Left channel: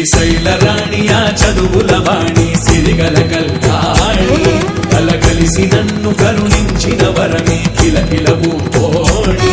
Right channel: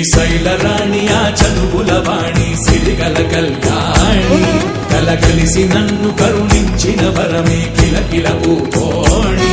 శ్రీశైలరాణి ఆ చదువుల వాణి సిరిగల కళ్యాణి కలగలిసి నన్ను కరుణించిన వరమే కిలకిలవు కోణి